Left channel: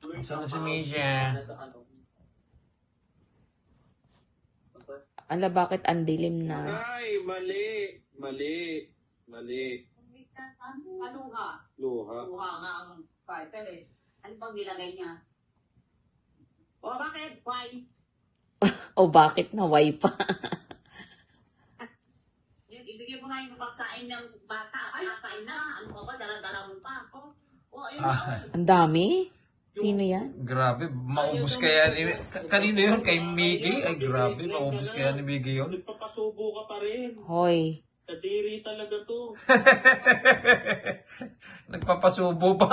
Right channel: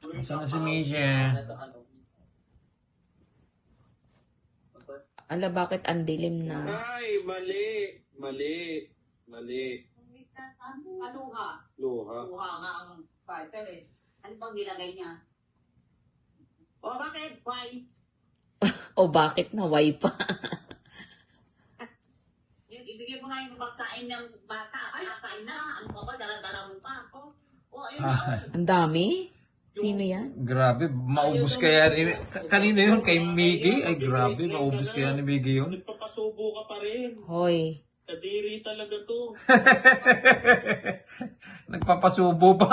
Saan si Media? Ala, bakit ang dilim na? Ay, mali. Mali. Mali. Luha. Luha. Luha nga ang title eh. Ano bang nilagay niya? O bakit? Why? O bakit naway pa? Yung ibigay mo nga yung pagkain ng bata. Kakain na. Ano ka ba? Dala-dala mo pa. O ayun na. Ang dami? Sino yan? Grabe, maubos kaya ni... Kanino yun? Kay Miggy? Ay, grabe, maubos kaya ni Miggy yun. Nagpapasubo ka pa rin. Hoy. Kadiri talaga to. Nagpapasubo pa.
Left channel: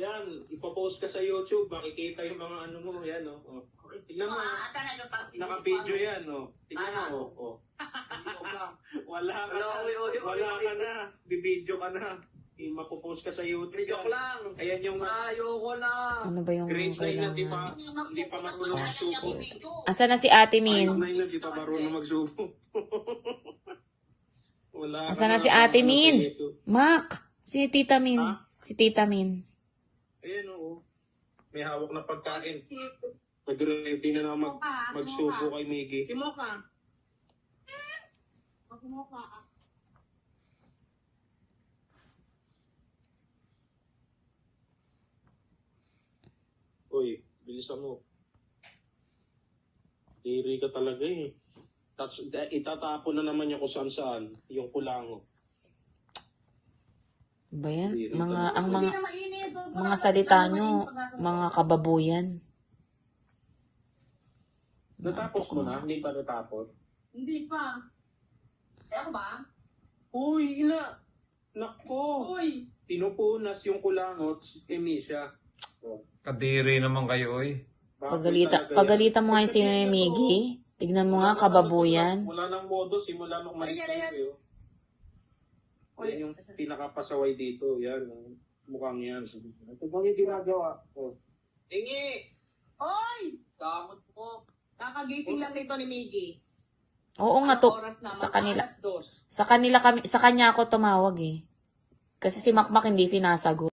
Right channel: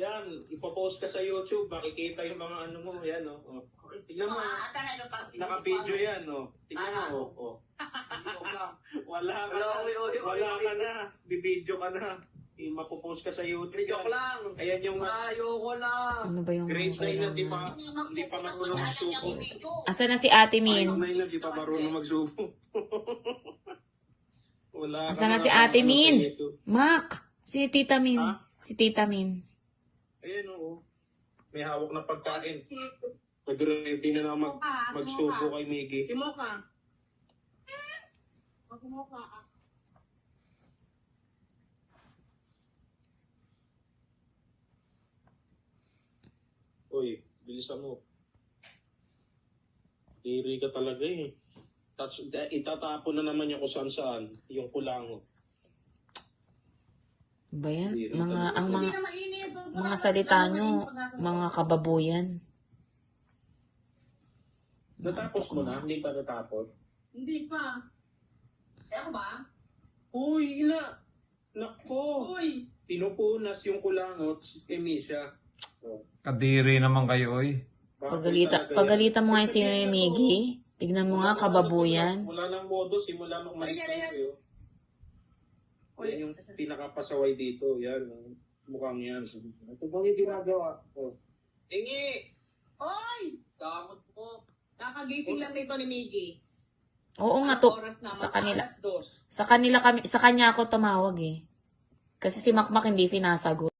Yan, ipapost ka sa YouTube, makikita yung mga ano mo, yan oh. Tignan mo, naka-video yan oh. Tignan mo oh. Wala ka na, wala ka na, bibidyo ka na. Mapopost ka sa YouTube. Joke lang. Ayan yung Ayoko na. Ano ba yung grade 9 na di pa marunong magsubo. Asa na si Ate Grade Min? 9 na di pa marunong magsubo. Wala ka Asa na si Ate ano, Min? sa YouTube. Mac! Si Tita Min. Ha? Si Tita Min. Ayan oo. May hawak na pagkain. Nag-ready na naman magsubo kay Miggy. Simo ka. Simo ka. Uy, bilisan mo. Diri ka talaga eh. Tapos itatapon na naman yung kung saan-saan. Yung kulango. Ba yan? Diri Mga, talaga. ang Hindi mga, na mainit. mga salita nyo, mga kababuyan. Natapos mo na? Hindi pa natapos? Hindi pa. Eh ako ba? Uy, ina! Nako! Uy! Pinupunas yung kulangot si Emisha. Oh, Kadiri naman kayo, oy. bakit talaga yan? Pagalitan mo nga si Pagsabihin mo to, Miggy. Tignan mo nga, kababuyan. Wala nang modo, simula nung malis kayo. Yan yung pinakapasaway dito. Yan, mukhang yan. Ito bang yung ginagawa? Oh. Tingi. Oy! Damot mo. Kakagising lang nito ni Miggy. Oo nga Anong to. oras na? Sa kanila. Alas 2. Sa kanya ako tumawag eh. Kasi si Makmak hindi sinasagot.